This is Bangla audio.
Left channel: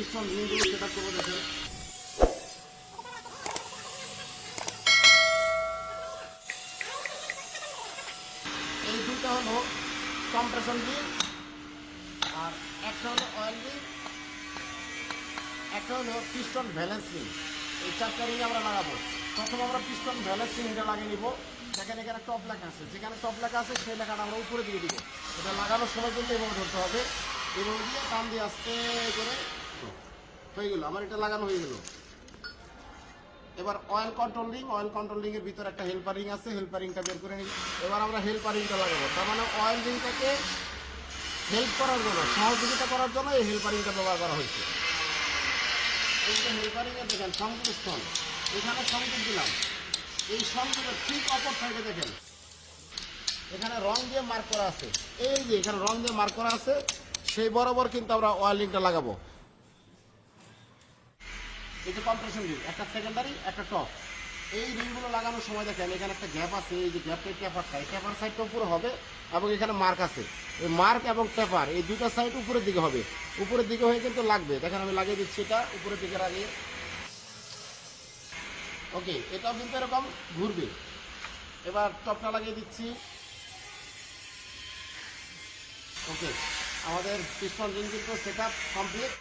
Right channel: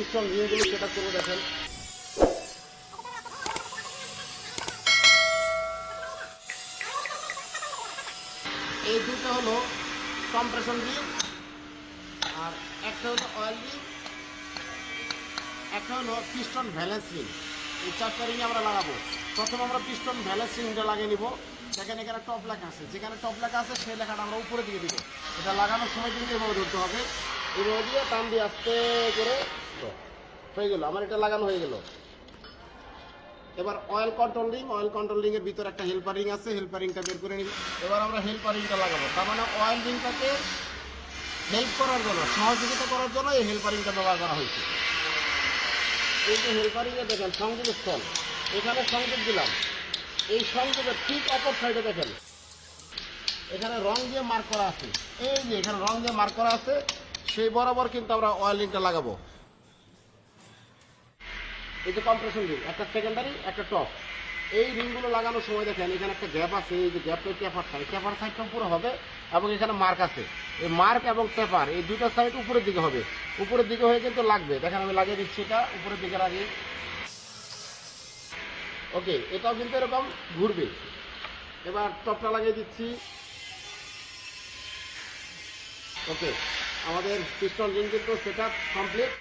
পিস্টন রিংগুলো সেটা করে দেখেন। এই দুটো হলো কম্প্রেশন রিং আর একটা হলো অয়েল রিং একটা হলো পিস্টন ভ্যালেন্স রিং এই চারটা রিং আমরা লাগাবো। প্রথম আমরা পিস্টন ভ্যালেন্স রিংটা লাগিয়ে নিব। দেখেন এখানে টপ লেখা আছে। যেখানে টপ লেখা আছে, সেই লেখাটা আমরা উপরে দিয়ে দিব। এটা লাগানোর সময় কিন্তু এভাবে ধরতে হবে। এভাবে দিয়ে টান দিয়ে আস্তে করে হয়ে গেল, আমার এটা লাগানো হয়ে গেল। এবার oil control ring oil control ring এর ভিতরে একটা হেল্পার রিং আছে হেল্পার রিংটা বের করে নিবি। এবার আমরা হেল্পার রিংটা লাগাবো। তার মানে অয়েল রিংটাকে হেল্প করার জন্য, সহযোগিতা করার জন্য এই হেল্পার রিংটা ব্যবহার করা হয়েছে। এই যে হেল্পার রিংয়ে দেখেন সংযোগ স্থল। এখানে সংযোগ দিলাম। এই সংযোগের ঠিক অপর সাইডে দেখেন। এখানে রং দিয়ে মার্ক করা আছে। এই যে এখানে রং দিয়ে মার্ক করা আছে, সেই বরাবর কিন্তু আমরা অয়েল রিংটা লাগাবো। এই যে কম্প্রেশন রিং একটা সেকেন্ডারি একটা টপ এই রিংগুলো লাগানোর সময় দেখেন, এখানে একটা গ্যাপ আছে, এই যে গ্যাপটা টেপার সাইড টেপার সাইডটা উপরে হবে এবং এখানে মার্ক আছে। এই মার্ক এবং টেপার এই দুটো সাইড উপরের দিকে হবে। উপরের দিকে হয়ে কিন্তু লাগবে। দেখেন, আমি লাগিয়ে দিচ্ছি এটা, উপরের দিকে লাগে ওকে এটাও কিন্তু এরকম ঘুরবে। এবার টপটা লাগিয়ে দিচ্ছি। ওকে আমাদের পিস্টন রিং কিন্তু সেট কমপ্লিট